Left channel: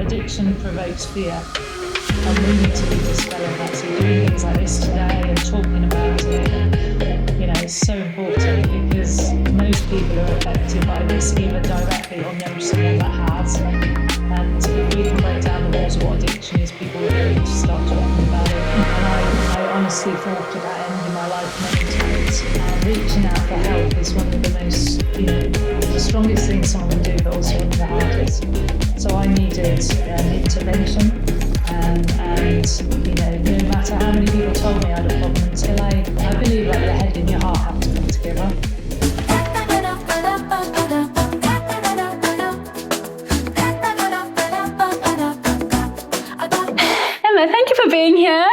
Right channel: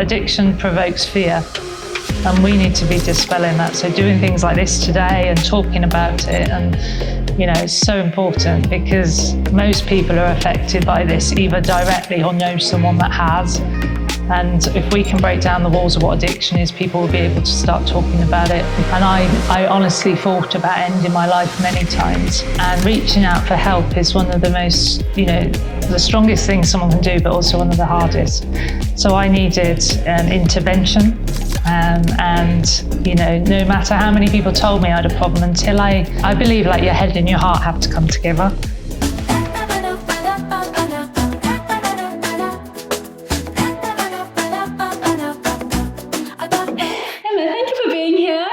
addiction provokes fear, and we need to be dispelling that. So doing things like this today and talking about it, and is so important, because most people are affected by this either directly or know someone that has. And if we can break down the walls of what addiction is, people will be able to start talking about it. And I honestly thought about ending my life many times. And reaching out for help is one of the most, the strongest things someone can do, but also one of the hardest. So I needed an intervention. No matter how many people told me I had a problem, until I believe like your head and your heart have to come together. Thank you for being here.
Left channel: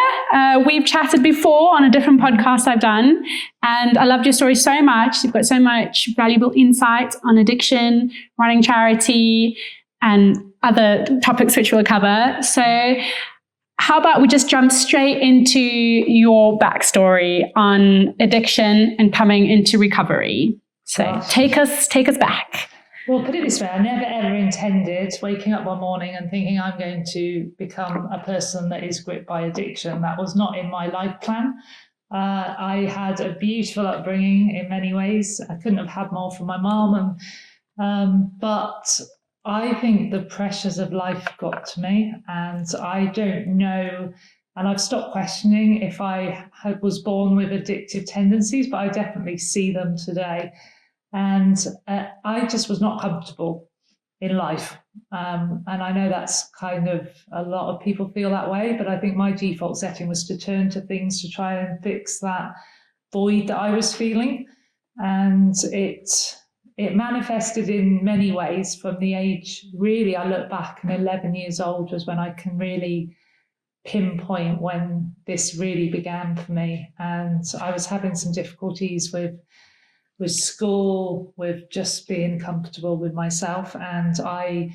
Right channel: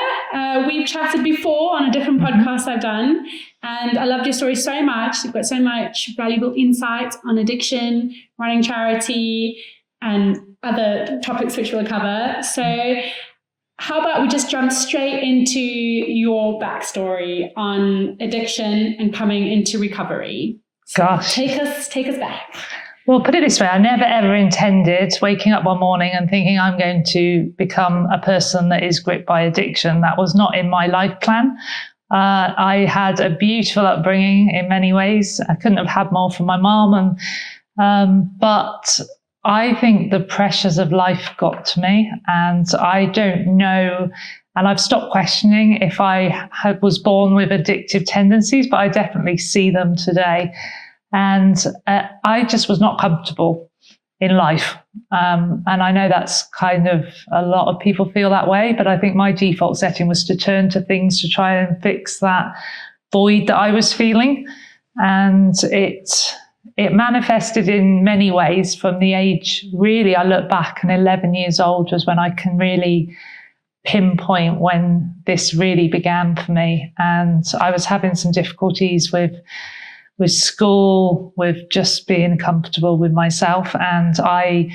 We've chatted before on a different podcast I've done, and I loved your story so much. You've got so much valuable insight on addiction, running charity, and other topics which we'll cover. So how about we just jump straight into your backstory on addiction and coming into recovery? So take us back. Well, put it this way, I never ever intended waking up one morning and thinking I'm going to become a person that is gripped by addiction. That was not in my life plan. I had a beautiful upbringing in many ways. I couldn't have had more from my mom, but I think the pressures of life got to me, and I don't know, and I've stopped questioning if I was born with addictive tendencies, but I definitely see them today. And I just was not comfortable in life. And I know that's kind of, a lot of people feel that way, but I think my default setting was to turn to things to try and fix that void that I was feeling. And it manifested in many ways from the age, really, I look back, and 11 years old was when I can really pinpoint when this really began for me. And I was having some difficulties with school, with just being comfortable with myself. And I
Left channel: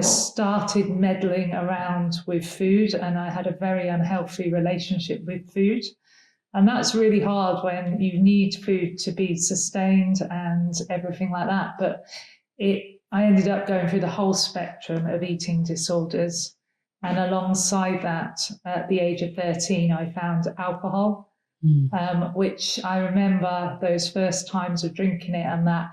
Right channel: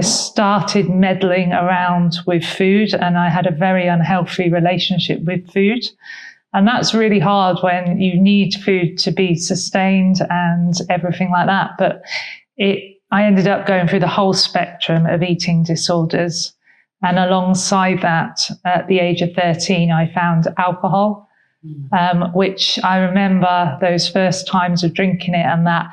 started meddling around with food, and I had a very unhealthy relationship with food. And that's really hard when you need food to be sustained and everything like that. But I ended up going through the whole spectrum of eating disorders. And alongside that, at the age of 13, I found alcohol. Which I remember those first times of drinking it, and that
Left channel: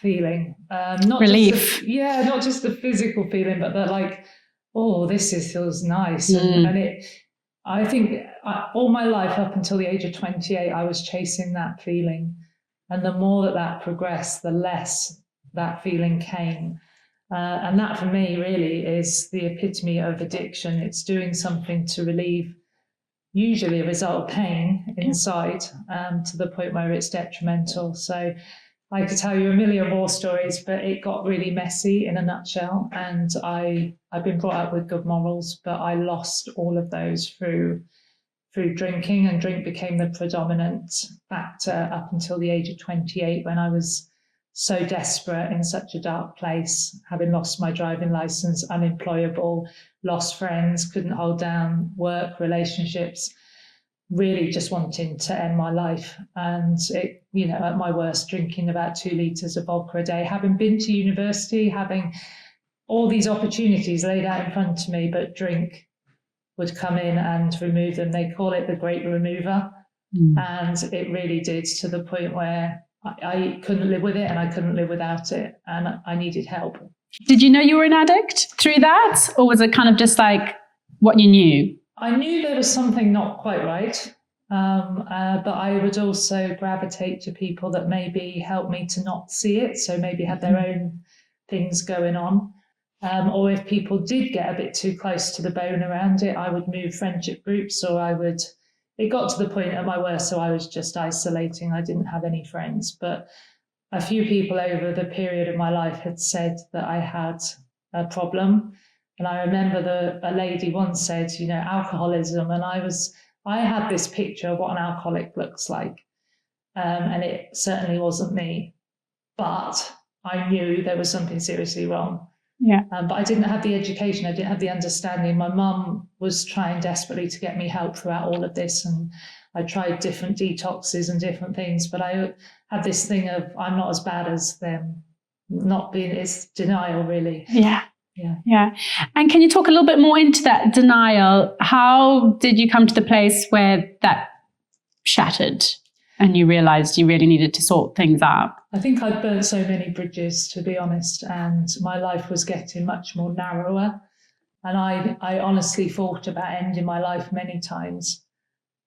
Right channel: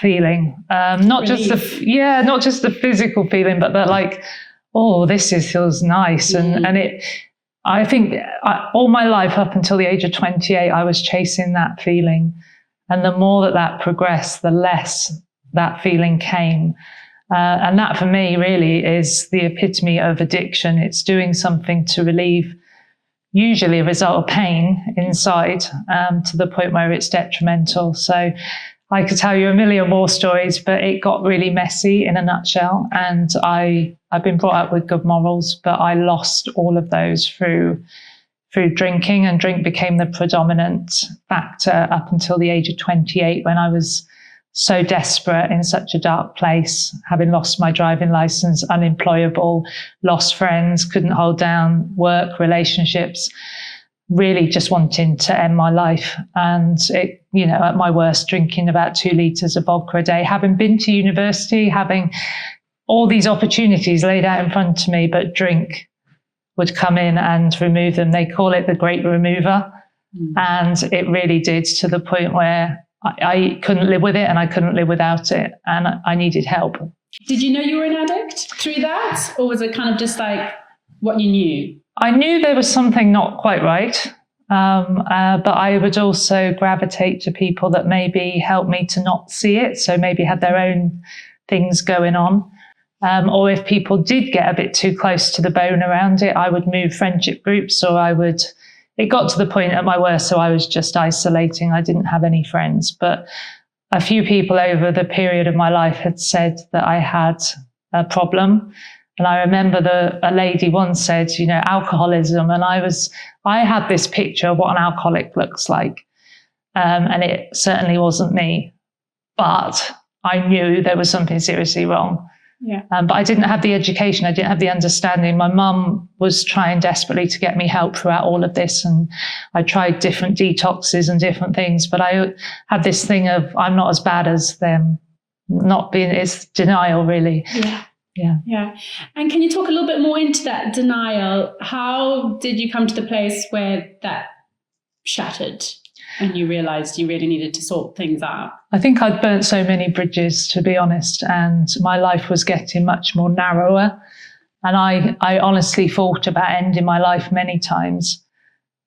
feeling, not just the physical feeling, but that like, feels nice. And I think all my life up until the age of 28, I was chasing that feeling, and the more that progressed, the less that feeling came. And that for me really is the epitome of addiction. It's doing something to relieve usually a result of pain inside, to the point where it's detrimental. So I could tell you a million more stories, but it got really messy in a nutshell. And I've been brought up with good morals, but I lost all of those through drinking, and drink became the predominant factor up until the age of 28, when I was so desperate, in such a dark place, having lost my driving license, unemployable, lost friends, couldn't hold down work, relationships, really just wanting to end my life. And at my worst, drinking about 2 litres of vodka a day, having been to university, having all these opportunities laid out in front of me, but drink would come in and remove them. They call it the great remover. And it really did, to the point where I couldn't live with it, and I couldn't live without it, and I needed help. Did you know you were an addict through that, or was it kind of just like what you knew? I knew there was something not quite right, but I would also gravitate to people that maybe helped me to not see it, so maybe had their own things going on. Or if people did get a bit too close to the bone around it, I would move friendship groups, or it got to the point at my worst, so I was just isolating. I didn't have any friends. But a few people over the period of my life had said that I had a problem. And I remember a lady once said, alcoholism. And I had this picture of what an alcoholic looks like. And it certainly wasn't me. But I knew there was something seriously wrong. Yeah. But I didn't have the education. I didn't have the understanding. My mum was trying desperately to get me help throughout all of this. And I tried different detoxes and different things. But I had this thing of, I'm not as bad as them. Not being, it's denial, really. Yeah. Yeah. And can you talk a little bit more into that denial? How did you come to the place where that shattered and you realized you really needed to sort things out? I think I'd burnt so many bridges, to be honest, and my life was getting much more narrower. And I honestly thought about ending my life many times.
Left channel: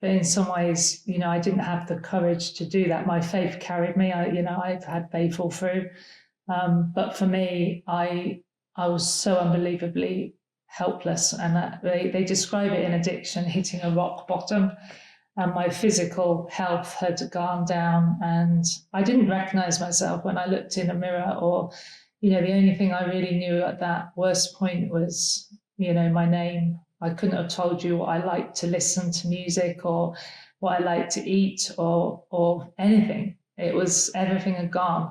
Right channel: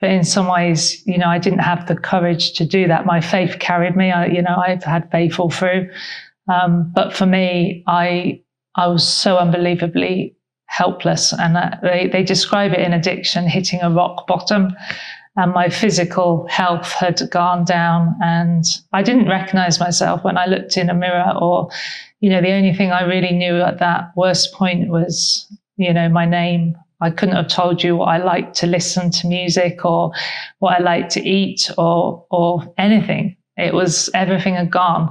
But in some ways, I didn't have the courage to do that. My faith carried me. I've had faith all through. But for me, I was so unbelievably helpless. And they describe it in addiction, hitting a rock bottom. And my physical health had gone down. And I didn't recognize myself when I looked in a mirror, or, the only thing I really knew at that worst point was, my name. I couldn't have told you what I liked to listen to music, or what I liked to eat, or anything. It was, everything had gone.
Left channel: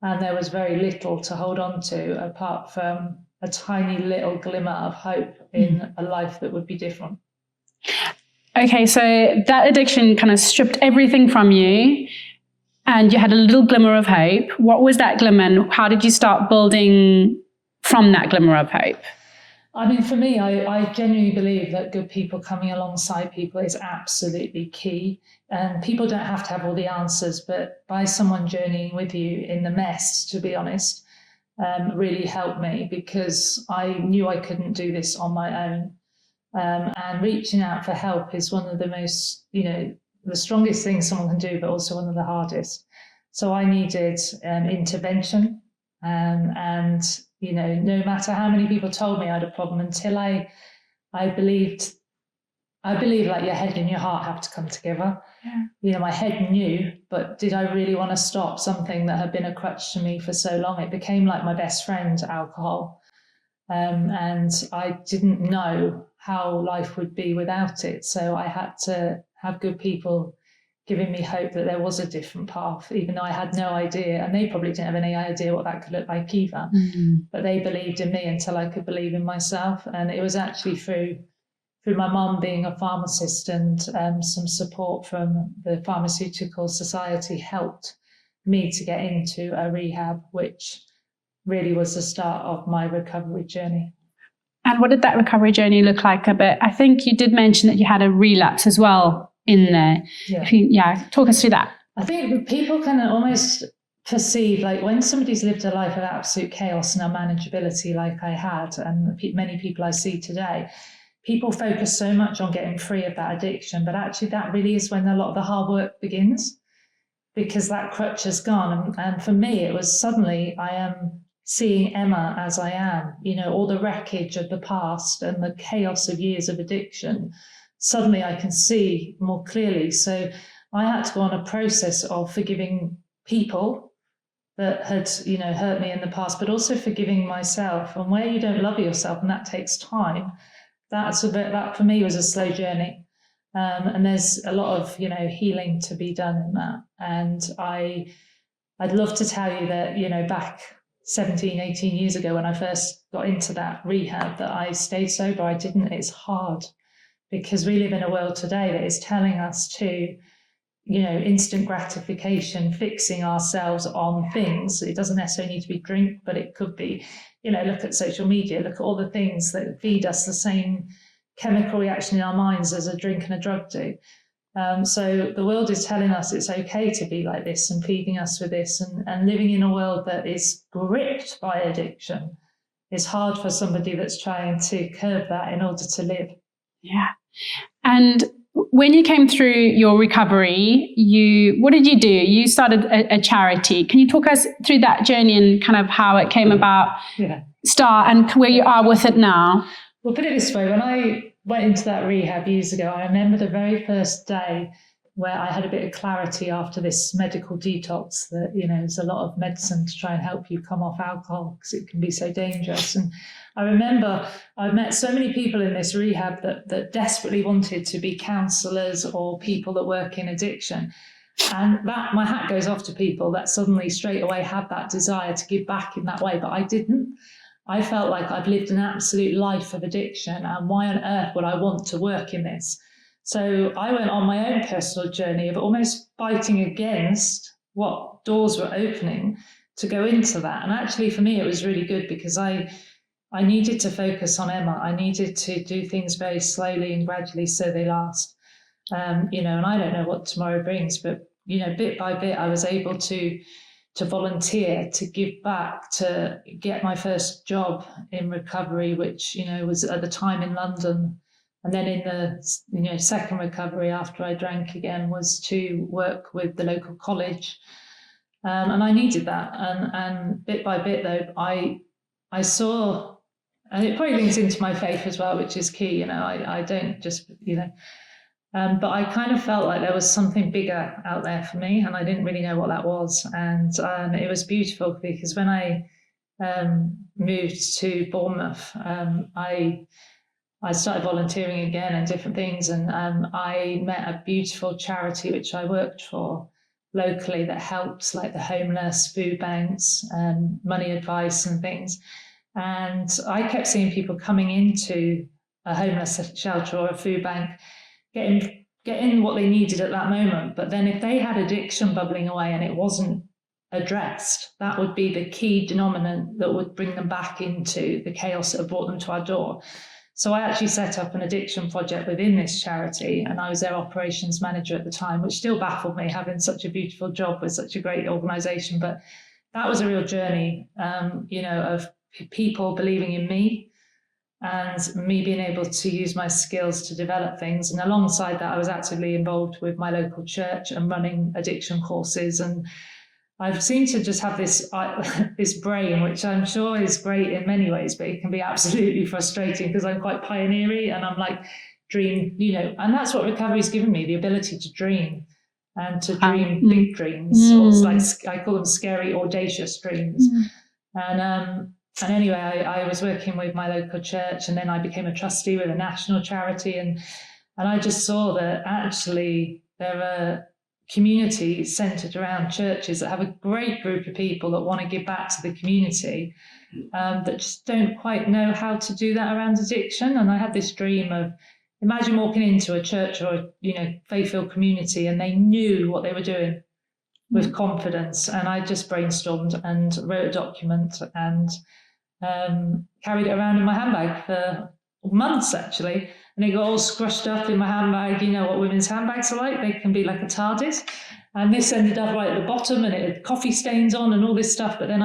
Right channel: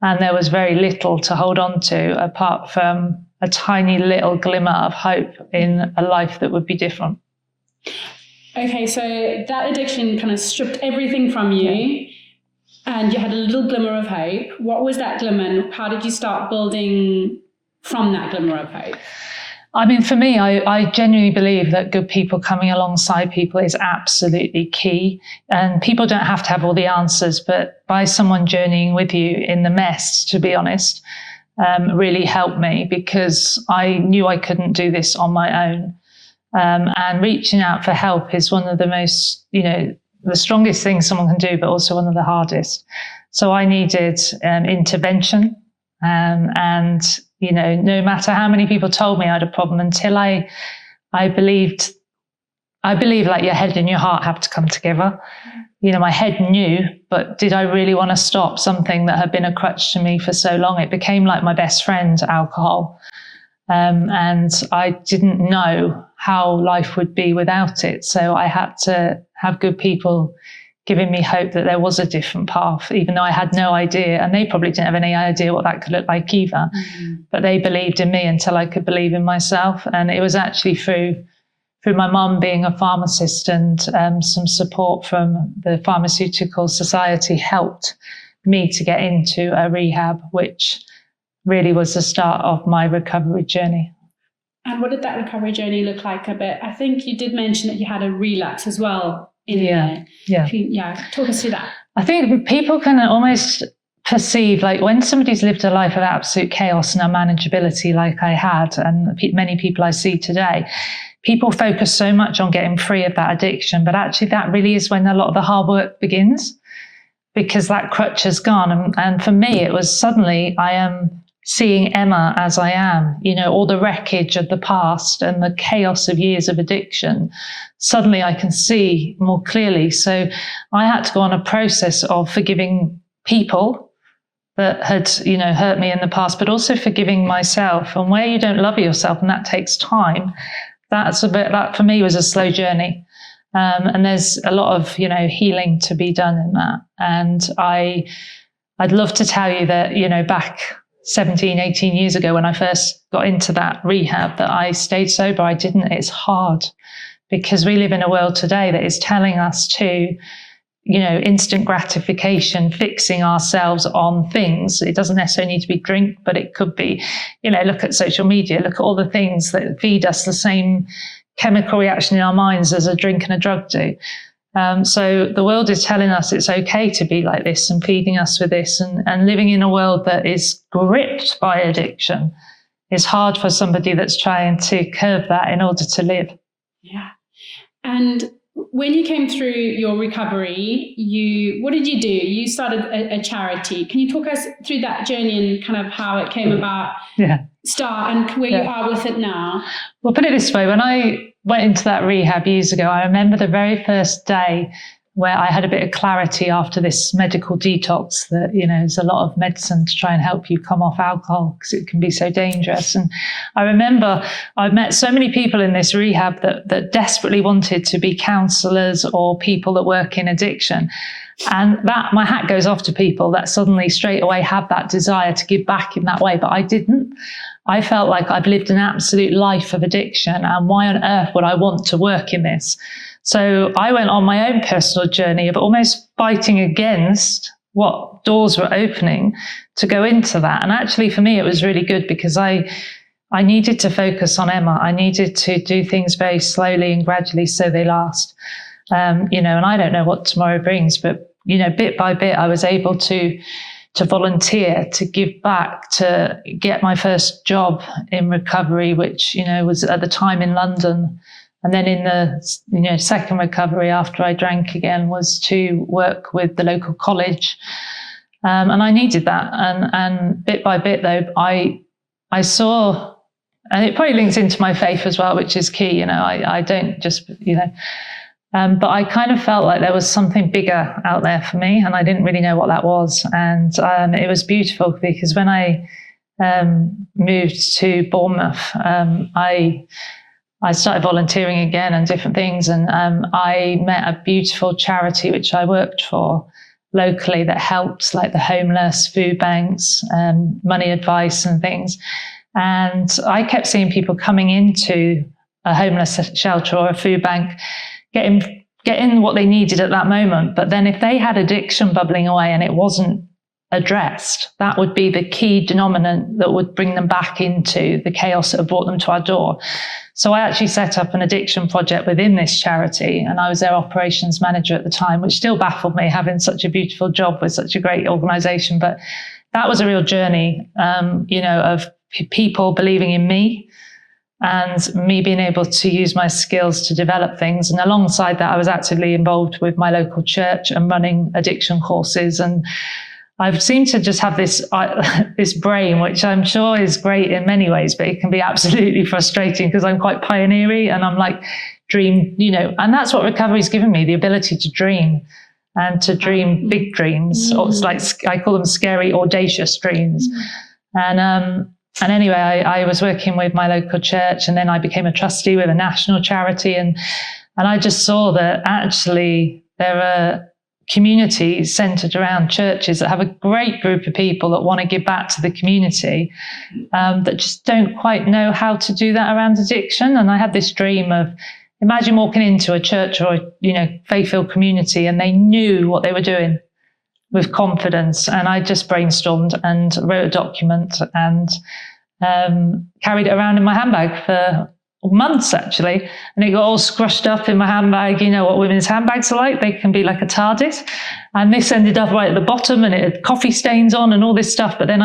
And there was very little to hold on to apart from a tiny little glimmer of hope in a life that would be different. Okay, so that addiction kind of stripped everything from you, and you had a little glimmer of hope. What was that glimmer, and how did you start building from that glimmer of hope? I mean, for me, I genuinely believe that good people coming alongside people is absolutely key. And people don't have to have all the answers, but by someone journeying with you in the mess, to be honest, really helped me, because I knew I couldn't do this on my own. And reaching out for help is one of the most, the strongest things someone can do, but also one of the hardest. So I needed intervention, and no matter how many people told me I had a problem, until I believe like your head and your heart have to come together. My head knew, but did I really want to stop something that had been a crutch to me for so long? It became like my best friend, alcohol. And I didn't know how life would be without it. So I had to have good people giving me hope that there was a different path, even though I had no idea. And they probably didn't have any idea what that could look like either. Mm-hmm. But they believed in me until I could believe in myself. And it was actually through my mum being a pharmacist, and some support from the Pharmaceutical Society helped me to get into a rehab, which really was the start of my recovery journey. And what did that recovery journey look like a bit? I think you did mention that you had a relapse as well in there. Yeah. Talk us through that. I think people can almost perceive, like, when somebody's lived a life of absolute chaos and unmanageability like I had, and many people I see today, people focus so much on getting free of that addiction, but actually that really is when a lot of the hard work begins, because that crutch has gone. And for me, it was suddenly I am seeing Emma as I am, all the wreckage of the past and the chaos of years of addiction. Suddenly I can see more clearly. So I had to go on a process of forgiving people that had, hurt me in the past, but also forgiving myself. And where you don't love yourself, and that takes time, that for me was a slow journey. And there's a lot of, healing to be done in that. And I'd love to tell you that, back 17, 18 years ago, when I first got into that rehab, that I stayed sober. I didn't. It's hard, because we live in a world today that is telling us to, instant gratification, fixing ourselves on things. It doesn't necessarily need to be drink, but it could be, look at social media, look at all the things that feed us the same chemical reaction in our minds as a drink and a drug do. So the world is telling us it's okay to be like this, and feeding us with this, and living in a world that is gripped by addiction is hard for somebody that's trying to curb that in order to live. Yeah. And when you came through your recovery, what did you do? You started a charity. Can you talk us through that journey and kind of how it came about, start, and where you are with it now? Well, put it this way. When I went into that rehab years ago, I remember the very first day where I had a bit of clarity after this medical detox that, there's a lot of medicine to try and help you come off alcohol, because it can be so dangerous. And I remember I met so many people in this rehab that desperately wanted to be counsellors or people that work in addiction. And that, my hat goes off to people that suddenly straight away had that desire to give back in that way, but I didn't. I felt like I've lived an absolute life of addiction, and why on earth would I want to work in this? So I went on my own personal journey of almost fighting against what doors were opening to go into that. And actually for me, it was really good, because I I needed to focus on Emma. I needed to do things very slowly and gradually so they last. And I don't know what tomorrow brings, but, bit by bit, I was able to volunteer, to give back, to get my first job in recovery, which, was at the time in London. And then in the, second recovery after I drank again was to work with the local college. And I needed that. And bit by bit, though, I saw, and it probably links into my faith as well, which is key. I don't just, but I kind of felt like there was something bigger out there for me, and I didn't really know what that was. And it was beautiful because when I moved to Bournemouth, I started volunteering again and different things. And I met a beautiful charity which I worked for locally that helps like the homeless, food banks, money advice and things. And I kept seeing people coming into a homeless shelter or a food bank, getting what they needed at that moment. But then if they had addiction bubbling away and it wasn't addressed, that would be the key denominant that would bring them back into the chaos that had brought them to our door. So I actually set up an addiction project within this charity, and I was their operations manager at the time, which still baffled me, having such a beautiful job with such a great organization. But that was a real journey, of people believing in me and me being able to use my skills to develop things. And alongside that, I was actively involved with my local church and running addiction courses. And I've seemed to just have this brain, which I'm sure is great in many ways, but it can be absolutely frustrating because I'm quite pioneery and I'm like dream, and that's what recovery's given me, the ability to dream and to dream big dreams. Or it's like, I call them scary, audacious dreams. And anyway, I was working with my local church, and then I became a trustee with a national charity. And I just saw that actually there are communities centered around churches that have a great group of people that want to give back to the community, that just don't quite know how to do that around addiction. And I had this dream of, imagine walking into a church or, faith-filled community, and they knew what they were doing with confidence. And I just brainstormed and wrote a document and carried it around in my handbag for months, actually. And it got all scrushed up in my handbag. You know what women's handbags are like? They can be like a TARDIS. And this ended up right at the bottom, and it had coffee stains on and all this stuff. But then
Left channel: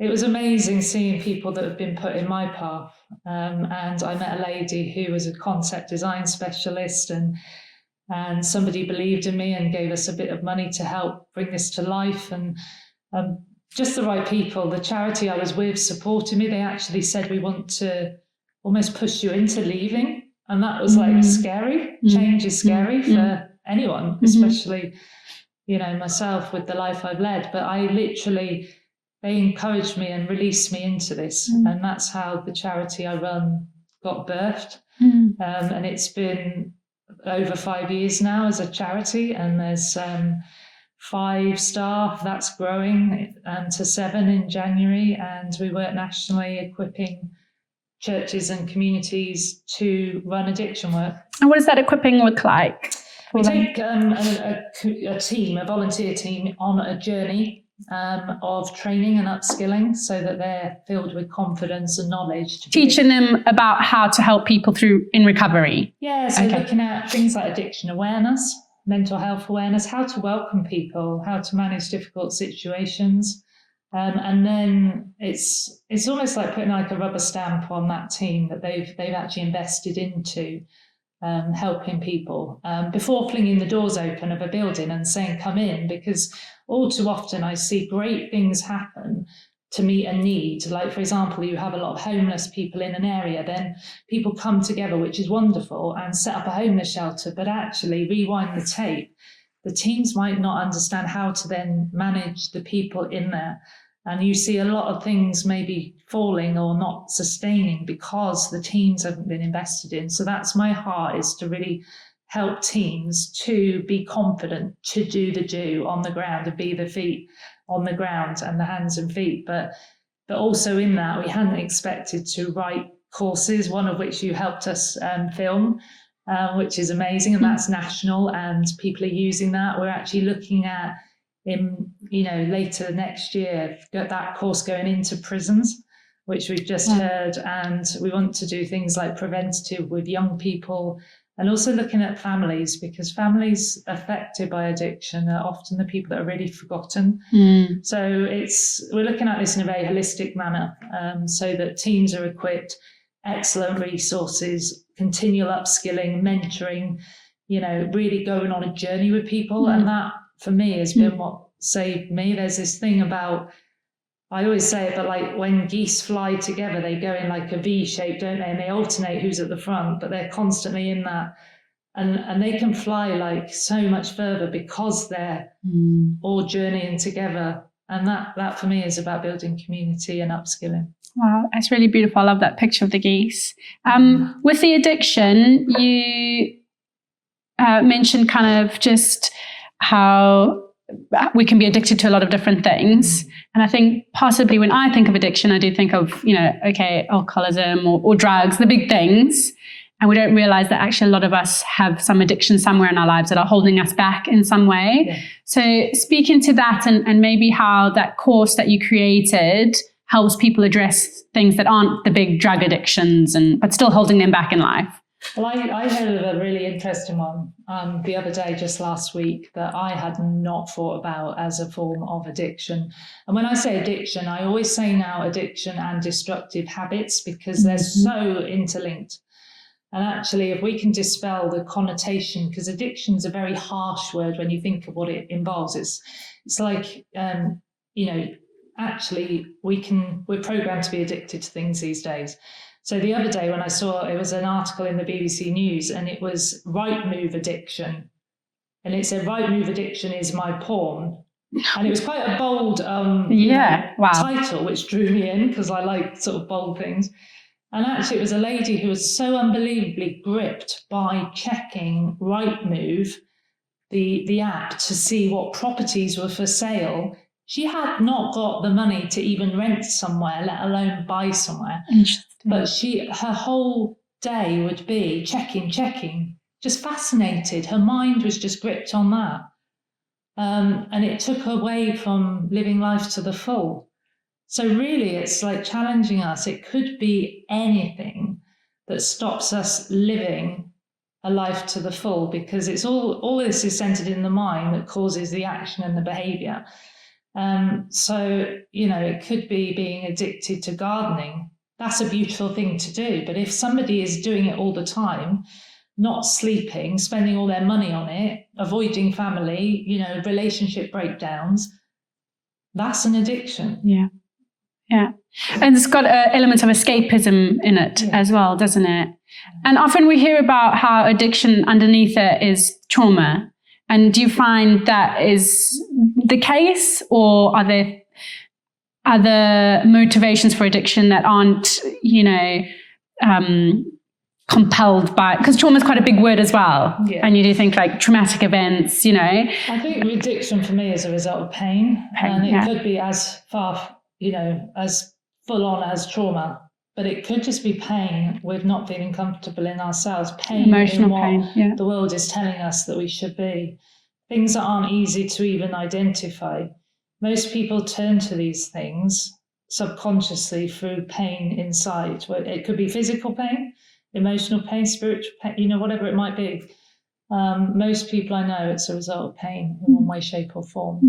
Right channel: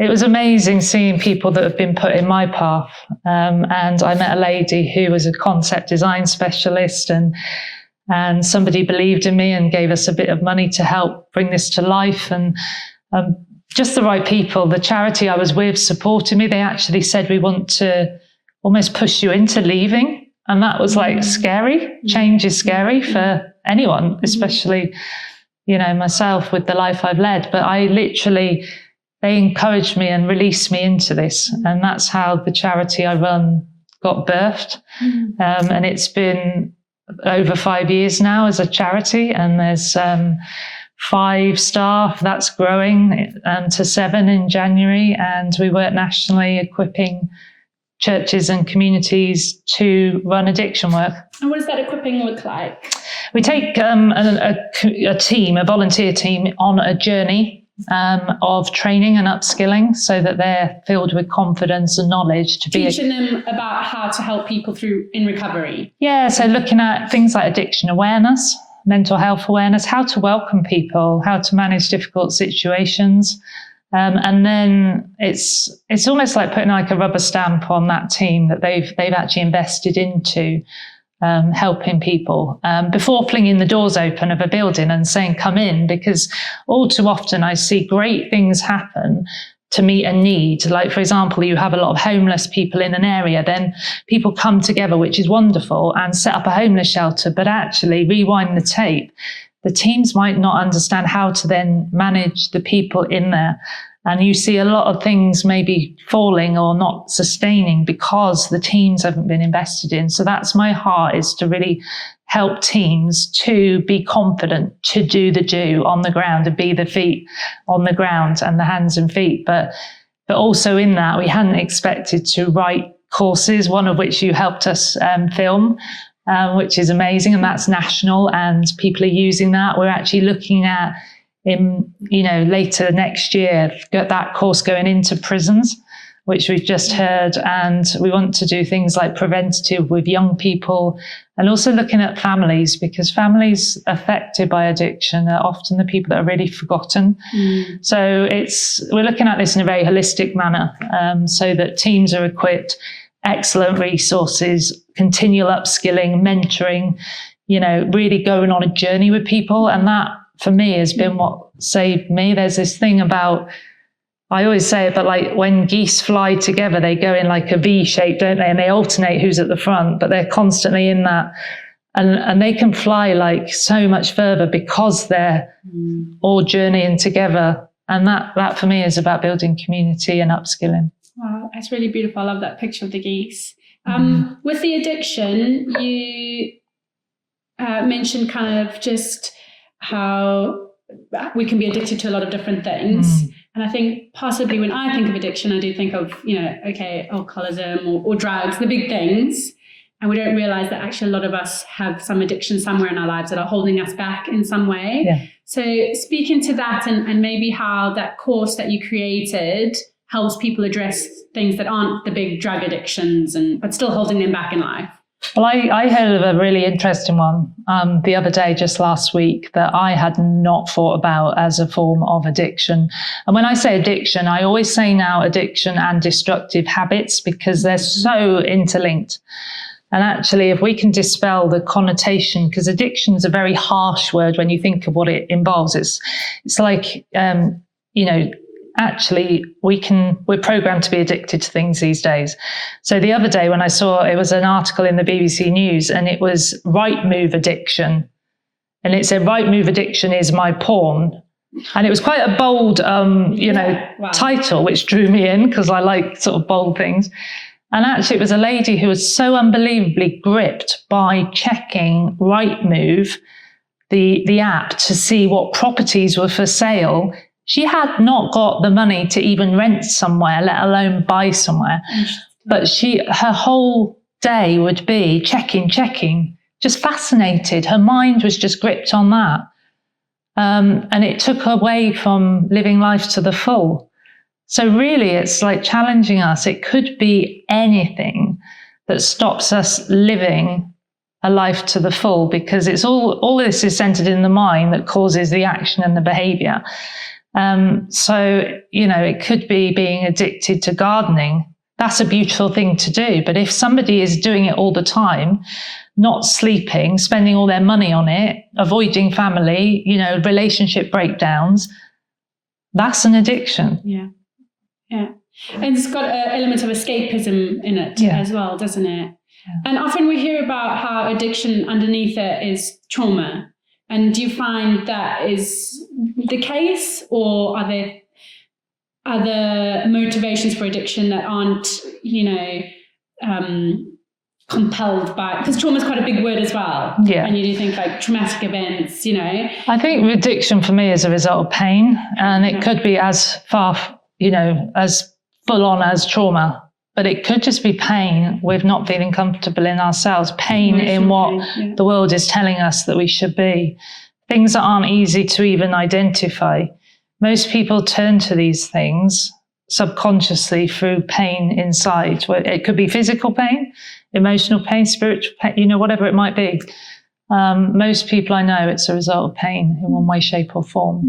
it was amazing seeing people that have been put in my path. And I met a lady who was a concept design specialist, and somebody believed in me and gave us a bit of money to help bring this to life. And just the right people. The charity I was with supported me. They actually said, we want to almost push you into leaving. And that was like scary. Change is scary for anyone, especially, myself with the life I've led. But they encouraged me and released me into this. And that's how the charity I run got birthed. And it's been over 5 years now as a charity, and there's 5 staff. That's growing to 7 in January, and we work nationally equipping churches and communities to run addiction work. And what does that equipping look like? We take a volunteer team on a journey of training and upskilling so that they're filled with confidence and knowledge to teaching them about how to help people in recovery. Yeah, so looking at things like addiction awareness, mental health awareness, how to welcome people, how to manage difficult situations. And then it's almost like putting like a rubber stamp on that team that they've actually invested into helping people before flinging the doors open of a building and saying, come in, because all too often I see great things happen to meet a need. Like, for example, you have a lot of homeless people in an area, then people come together, which is wonderful, and set up a homeless shelter. But actually, rewind the tape, the teams might not understand how to then manage the people in there. And you see a lot of things maybe falling or not sustaining because the teams haven't been invested in. So that's my heart, is to really help teams to be confident, to do the do on the ground, and be the feet on the ground and the hands and feet. But also in that, we hadn't expected to write courses, one of which you helped us film, which is amazing. And that's national, and people are using that. We're actually looking at, later next year, get that course going into prisons, which we've just heard. And we want to do things like preventative with young people, and also looking at families, because families affected by addiction are often the people that are really forgotten. So we're looking at this in a very holistic manner, so that teams are equipped, excellent resources, continual upskilling, mentoring, really going on a journey with people. And that, for me, has been what saved me. There's this thing about, I always say it, but like when geese fly together, they go in like a V shape, don't they? And they alternate who's at the front, but they're constantly in that. And they can fly like so much further because they're all journeying together. And that for me is about building community and upskilling. Wow, that's really beautiful. I love that picture of the geese. With the addiction, you mentioned kind of just how we can be addicted to a lot of different things. And I think possibly when I think of addiction, I do think of, alcoholism or drugs, the big things. And we don't realize that actually a lot of us have some addiction somewhere in our lives that are holding us back in some way. Yeah. So speaking to that and maybe how that course that you created helps people address things that aren't the big drug addictions but still holding them back in life. Well, I heard of a really interesting one the other day, just last week, that I had not thought about as a form of addiction. And when I say addiction, I always say now addiction and destructive habits, because they're so interlinked. And actually, if we can dispel the connotation, because addiction is a very harsh word when you think of what it involves. It's like, actually we're programmed to be addicted to things these days. So the other day when I saw, it was an article in the BBC News, and it was right move addiction. And it said, right move addiction is my porn. And it was quite a bold, title, which drew me in because I like sort of bold things. And actually it was a lady who was so unbelievably gripped by checking Rightmove, the app, to see what properties were for sale. She had not got the money to even rent somewhere, let alone buy somewhere. But her whole day would be checking, just fascinated. Her mind was just gripped on that. And it took away from living life to the full. So really, it's like challenging us. It could be anything that stops us living a life to the full, because it's all this is centered in the mind that causes the action and the behavior. So, it could be being addicted to gardening. That's a beautiful thing to do. But if somebody is doing it all the time, not sleeping, spending all their money on it, avoiding family, relationship breakdowns, that's an addiction. Yeah. And it's got an element of escapism in it as well, doesn't it? Yeah. And often we hear about how addiction underneath it is trauma. And do you find that is the case, or are there other motivations for addiction that aren't, compelled by, because trauma is quite a big word as well. Yeah. And you do think like traumatic events, I think addiction for me is a result of pain, and it could be as far, as full on as trauma, but it could just be pain with not feeling comfortable in ourselves, pain in what the world is telling us that we should be, things that aren't easy to even identify. Most people turn to these things subconsciously through pain inside. It could be physical pain, emotional pain, spiritual pain, whatever it might be. Most people I know, it's a result of pain in one way, shape or form.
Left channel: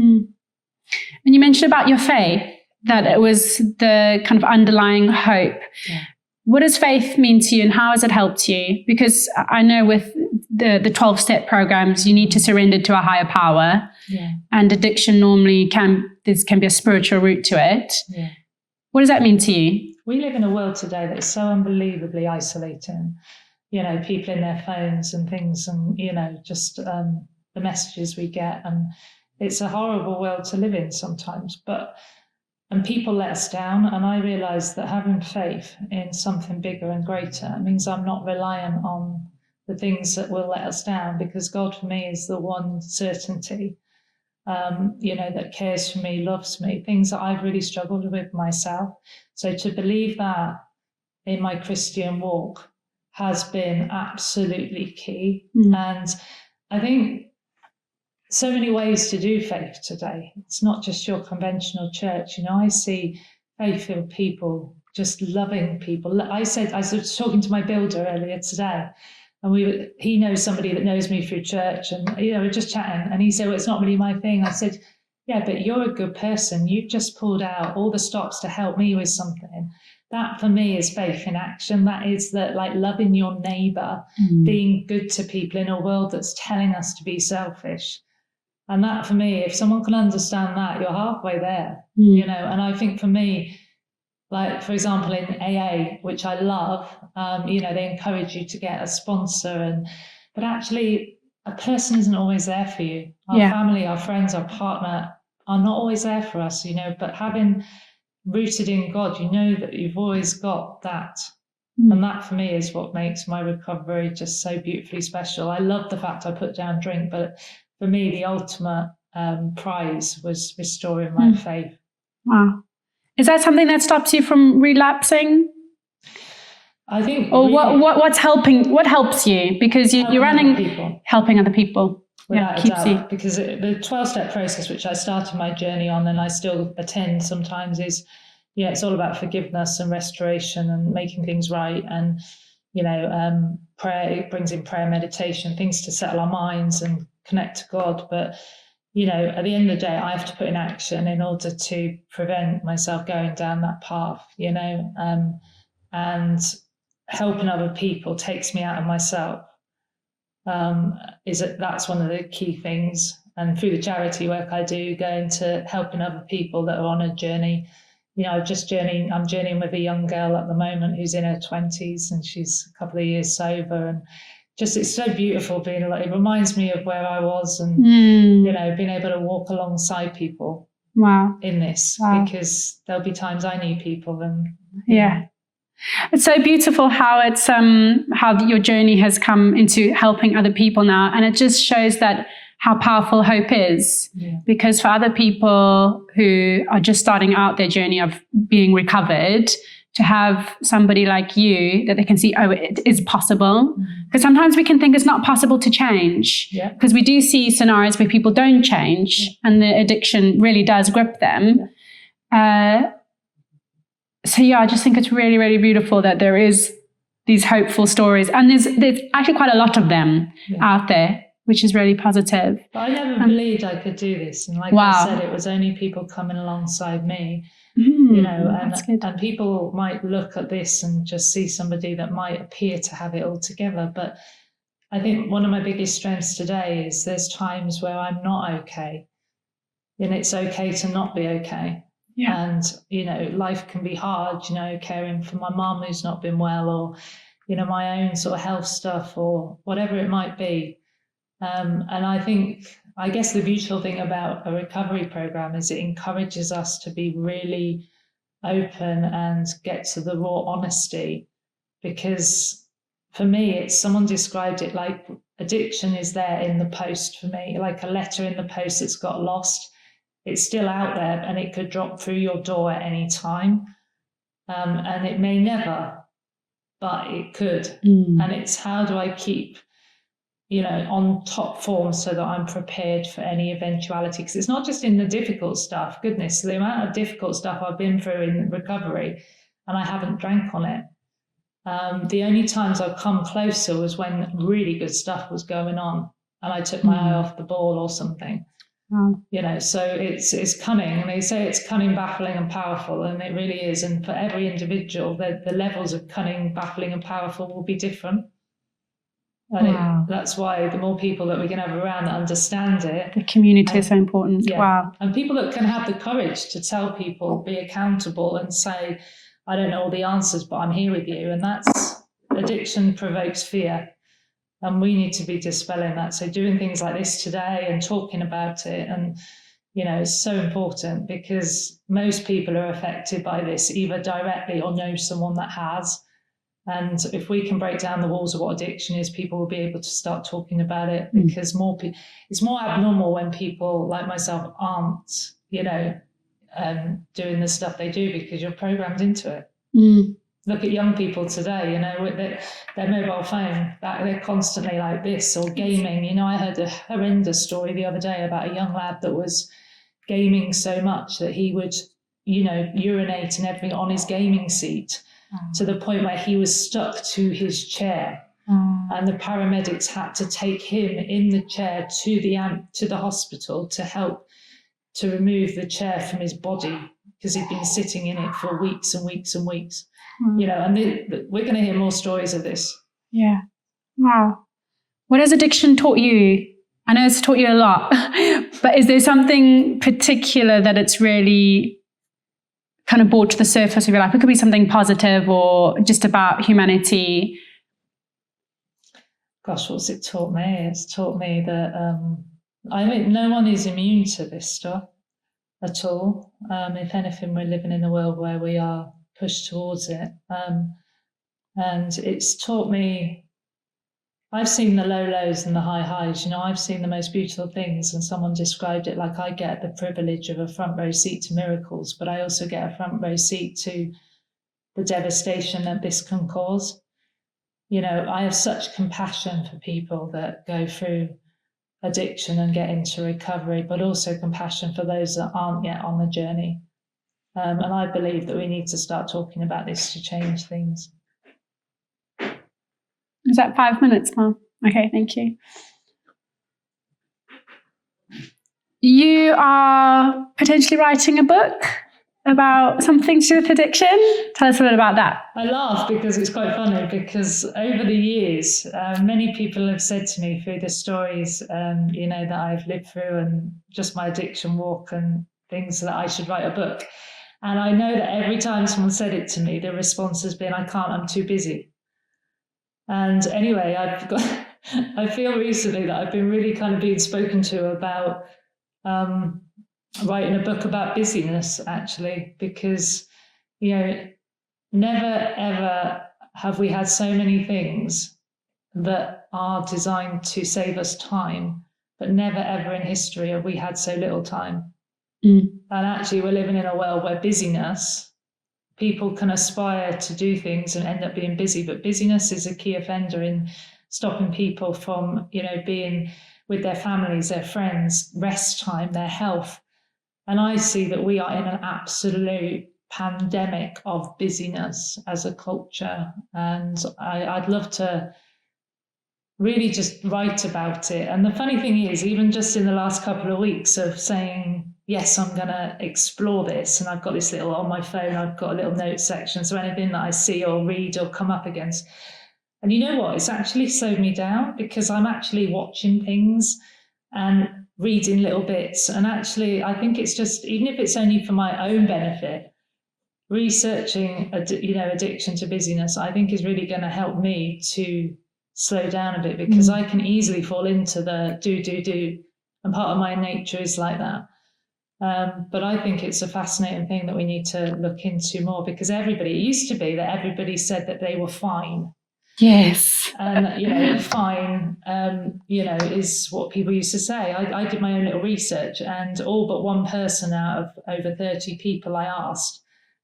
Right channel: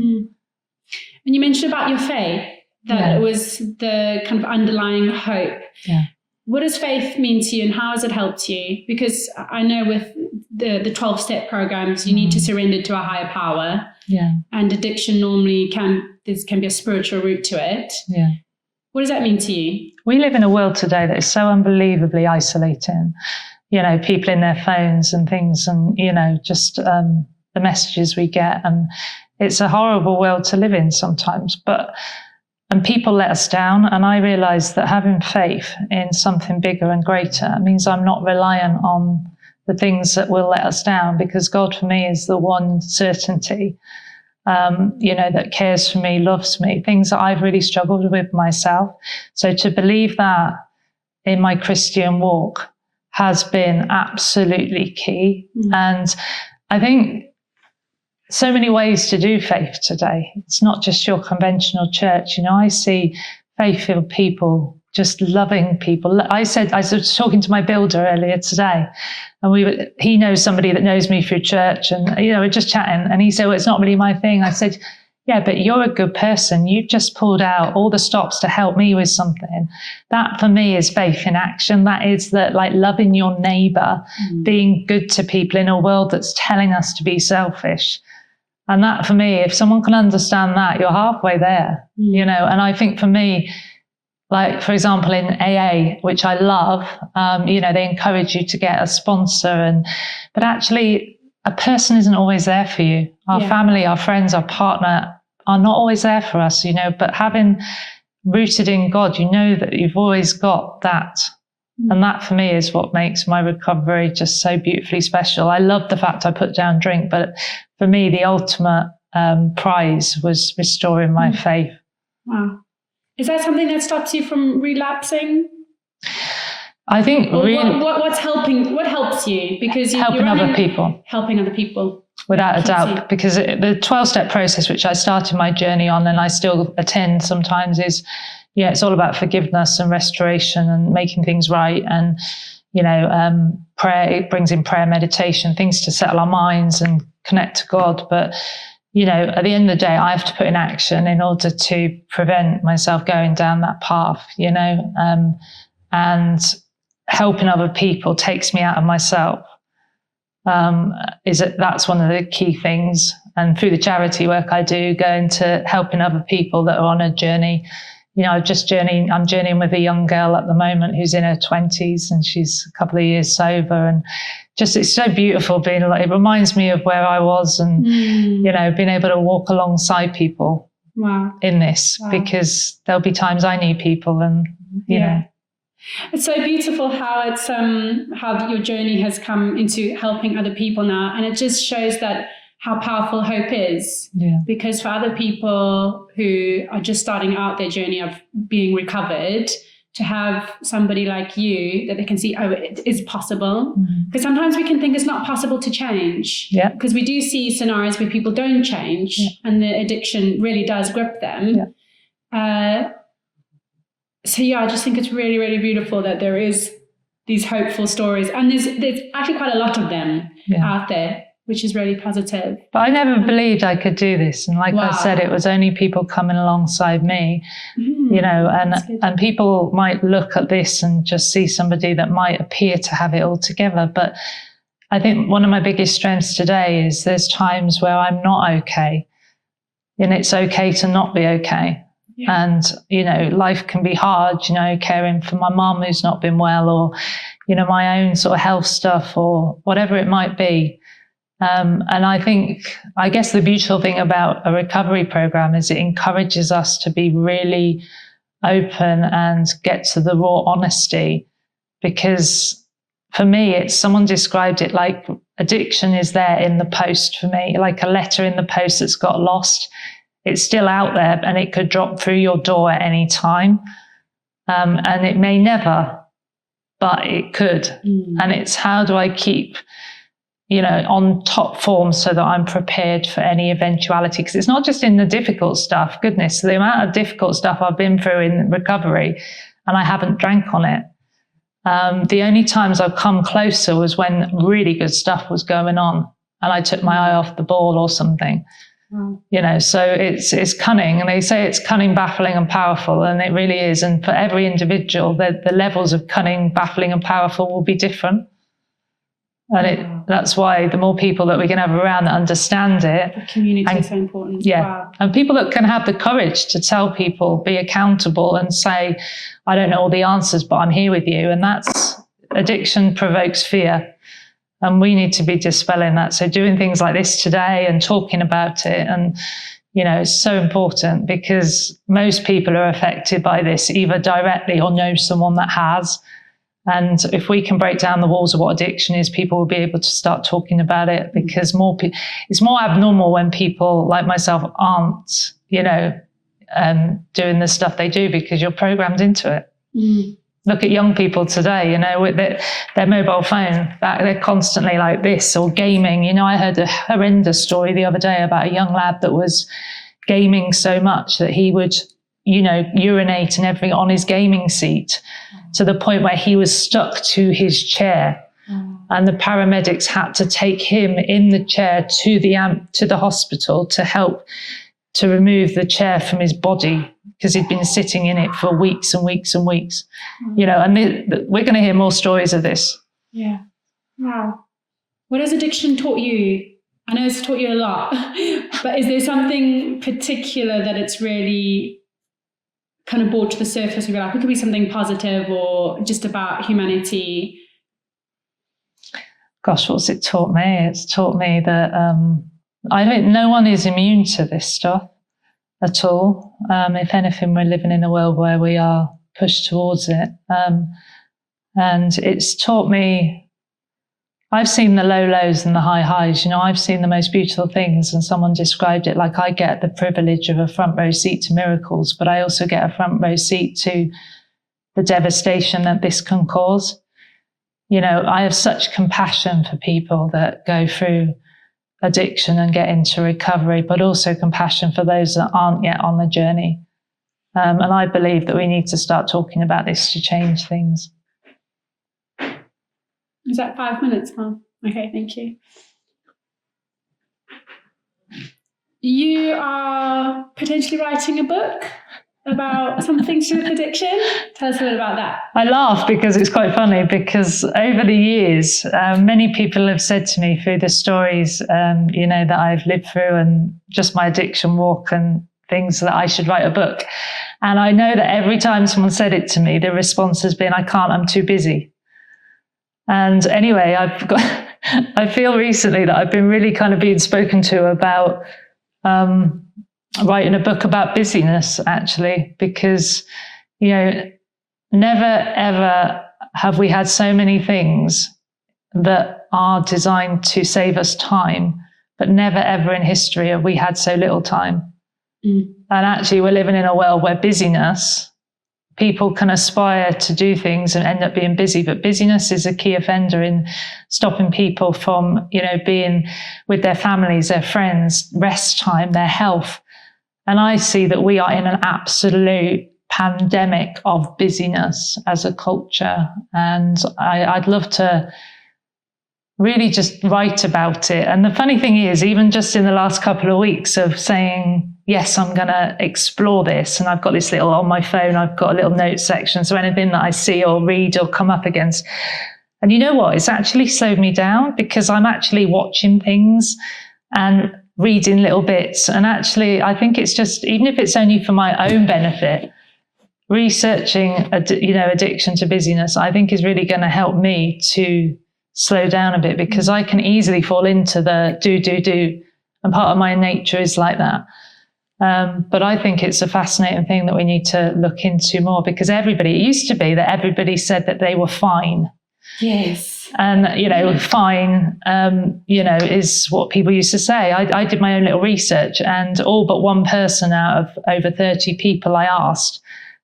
And you mentioned about your faith, that it was the kind of underlying hope. Yeah. What does faith mean to you, and how has it helped you? Because I know with the 12-step programs, you need to surrender to a higher power. Yeah. And addiction normally can be a spiritual root to it. Yeah. What does that mean to you? We live in a world today that is so unbelievably isolating. People in their phones and things, and, just the messages we get. And it's a horrible world to live in sometimes. And people let us down. And I realized that having faith in something bigger and greater means I'm not reliant on the things that will let us down, because God for me is the one certainty, that cares for me, loves me, things that I've really struggled with myself. So to believe that in my Christian walk has been absolutely key. And I think so many ways to do faith today. It's not just your conventional church. I see faith-filled people just loving people. I was talking to my builder earlier today, and he knows somebody that knows me through church, and we're just chatting, and he said, well, it's not really my thing. I said, yeah, but you're a good person. You've just pulled out all the stops to help me with something. That for me is faith in action. That is that, like, loving your neighbor, being good to people in a world that's telling us to be selfish. And that for me, if someone can understand that, you're halfway there, And I think for me, like, for example, in AA, which I love, they encourage you to get a sponsor, but actually a person isn't always there for you. Our family, our friends, our partner are not always there for us, but having rooted in God, that you've always got that. And that for me is what makes my recovery just so beautifully special. I love the fact I put down drink, but for me, the ultimate prize was restoring my faith. Wow. Is that something that stops you from relapsing? I think. Or what's helping? What helps you? Because you're running, helping other people. Without a doubt, because the 12-step process, which I started my journey on and I still attend sometimes, is, it's all about forgiveness and restoration and making things right. And, prayer, it brings in prayer, meditation, things to settle our minds and connect to God. But, at the end of the day, I have to put in action in order to prevent myself going down that path, and helping other people takes me out of myself. That's one of the key things. And through the charity work I do, going to helping other people that are on a journey. I'm journeying with a young girl at the moment who's in her 20s, and she's a couple of years sober, and just, it's so beautiful being like, it reminds me of where I was, and being able to walk alongside people in this, because there'll be times I need people, and you know. It's so beautiful how it's how your journey has come into helping other people now, and it just shows that how powerful hope is. Because for other people who are just starting out their journey of being recovered, to have somebody like you that they can see, it is possible. Because sometimes we can think it's not possible to change. Because we do see scenarios where people don't change and the addiction really does grip them. So I just think it's really, really beautiful that there is these hopeful stories, and there's actually quite a lot of them out there, which is really positive. But I never believed I could do this, and like I said, it was only people coming alongside me, and people might look at this and just see somebody that might appear to have it all together. But I think one of my biggest strengths today is there's times where I'm not okay, and it's okay to not be okay. And, life can be hard, caring for my mum who's not been well, or, my own sort of health stuff, or whatever it might be. And I guess the beautiful thing about a recovery program is it encourages us to be really open and get to the raw honesty. Because for me, someone described it like addiction is there in the post for me, like a letter in the post that's got lost. It's still out there, and it could drop through your door at any time. And it may never, but it could. And it's, how do I keep, on top form so that I'm prepared for any eventuality? Because it's not just in the difficult stuff. Goodness, the amount of difficult stuff I've been through in recovery, and I haven't drank on it. The only times I've come closer was when really good stuff was going on, and I took my eye off the ball or something. So it's cunning, and they say it's cunning, baffling and powerful, and it really is. And for every individual, the levels of cunning, baffling and powerful will be different. And that's why the more people that we can have around that understand it. The community is so important. And people that can have the courage to tell people, be accountable and say, I don't know all the answers, but I'm here with you. And addiction provokes fear. And we need to be dispelling that. So doing things like this today and talking about it, and, is so important, because most people are affected by this, either directly or know someone that has. And if we can break down the walls of what addiction is, people will be able to start talking about it, because it's more abnormal when people like myself aren't, doing the stuff they do, because you're programmed into it. Look at young people today, with their mobile phone, they're constantly like this, or gaming. I heard a horrendous story the other day about a young lad that was gaming so much that he would, urinate and everything on his gaming seat, to the point where he was stuck to his chair. And the paramedics had to take him in the chair to the hospital to help to remove the chair from his body, because he'd been sitting in it for weeks and weeks and weeks. And we're going to hear more stories of this. Yeah. Wow. What has addiction taught you? I know it's taught you a lot, but is there something particular that it's really kind of brought to the surface of your life? It could be something positive or just about humanity. Gosh, what's it taught me? It's taught me that no one is immune to this stuff at all. If anything, we're living in a world where we are pushed towards it. And it's taught me, I've seen the low lows and the high highs. I've seen the most beautiful things, and someone described it like I get the privilege of a front row seat to miracles, but I also get a front row seat to the devastation that this can cause. I have such compassion for people that go through addiction and get into recovery, but also compassion for those that aren't yet on the journey. And I believe that we need to start talking about this to change things. Is that 5 minutes, Mom? Okay, thank you. You are potentially writing a book about something to do with addiction. Tell us a bit about that. I laugh because it's quite funny, because over the years, many people have said to me through the stories, that I've lived through and just my addiction walk and things, that I should write a book. And I know that every time someone said it to me, the response has been, I can't, I'm too busy. And anyway, I feel recently that I've been really kind of being spoken to about writing a book about busyness, actually, because, never ever have we had so many things that are designed to save us time, but never ever in history have we had so little time. And actually, we're living in a world where busyness, people can aspire to do things and end up being busy, but busyness is a key offender in stopping people from, being with their families, their friends, rest time, their health. And I see that we are in an absolute pandemic of busyness as a culture. And I'd love to really just write about it. And the funny thing is, even just in the last couple of weeks of saying, yes, I'm going to explore this. And I've got this little on my phone, I've got a little notes section. So anything that I see or read or come up against. And you know what? It's actually slowed me down, because I'm actually watching things and reading little bits. And actually, I think it's just, even if it's only for my own benefit, researching, addiction to busyness, I think is really going to help me to slow down a bit, because I can easily fall into the do. And part of my nature is like that. But I think it's a fascinating thing that we need to look into more, because it used to be that everybody said that they were fine. Yes. And, fine, is what people used to say. I did my own little research, and all but one person out of over 30 people I asked,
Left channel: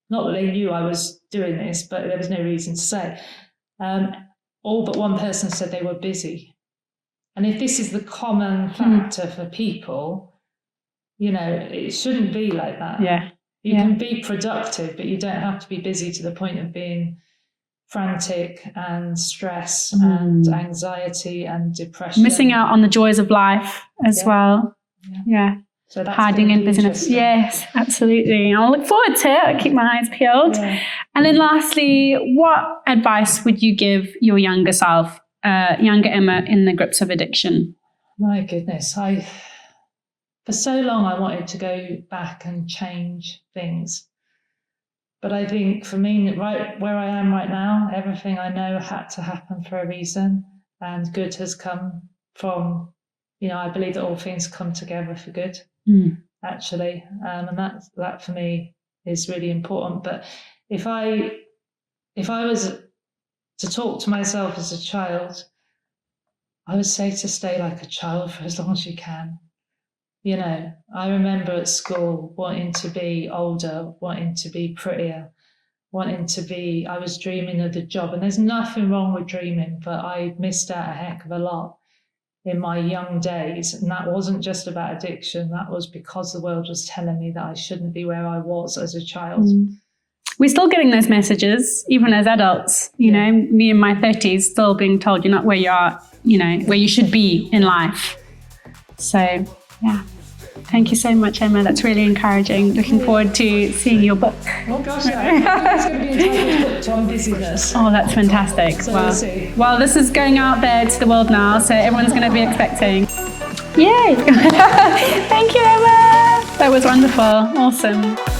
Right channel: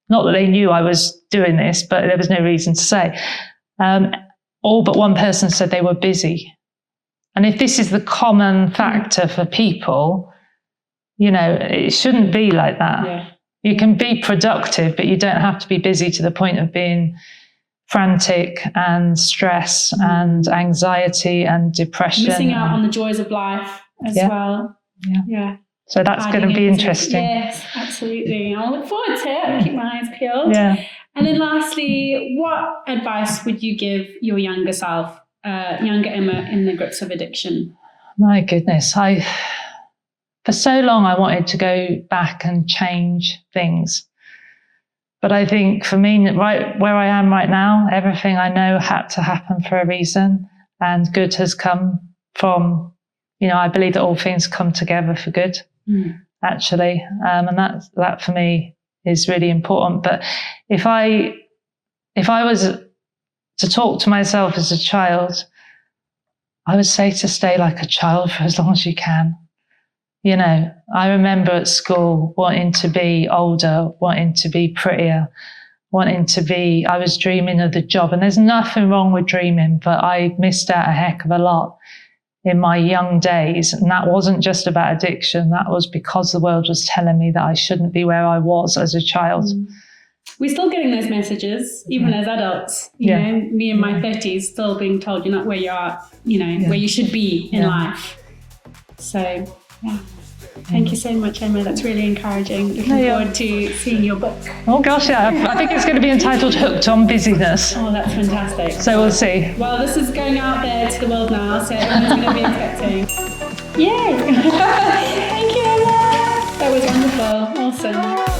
not that they knew I was doing this, but there was no reason to say, all but one person said they were busy. And if this is the common factor for people, it shouldn't be like that. Yeah. You can be productive, but you don't have to be busy to the point of being frantic and stress and anxiety and depression. Missing out on the joys of life as well. Yeah. So that's going to be interesting. Yes, absolutely. I'll look forward to it. I'll keep my eyes peeled. Yeah. And then lastly, what advice would you give your younger self, younger Emma, in the grips of addiction? My goodness. For so long, I wanted to go back and change things. But I think for me, right where I am right now, everything I know had to happen for a reason, and good has come from, I believe that all things come together for good, actually. And that for me is really important. But if I was to talk to myself as a child, I would say to stay like a child for as long as you can. I remember at school wanting to be older, wanting to be prettier, I was dreaming of the job. And there's nothing wrong with dreaming, but I missed out a heck of a lot in my young days. And that wasn't just about addiction. That was because the world was telling me that I shouldn't be where I was as a child. We're still getting those messages, even as adults. You know, me in my 30s, still being told you're not where you are, where you should be in life. So, yeah. Thank you so much, Emma. That's really encouraging. Looking forward to seeing your book. Oh gosh, yeah. I think it's going to be entitled Hooked on Busyness. Oh, that's fantastic. So we'll see. Well, this is going out there to the world now, so everyone's going to be expecting. Yay! Thank you, Emma. That was wonderful. Awesome.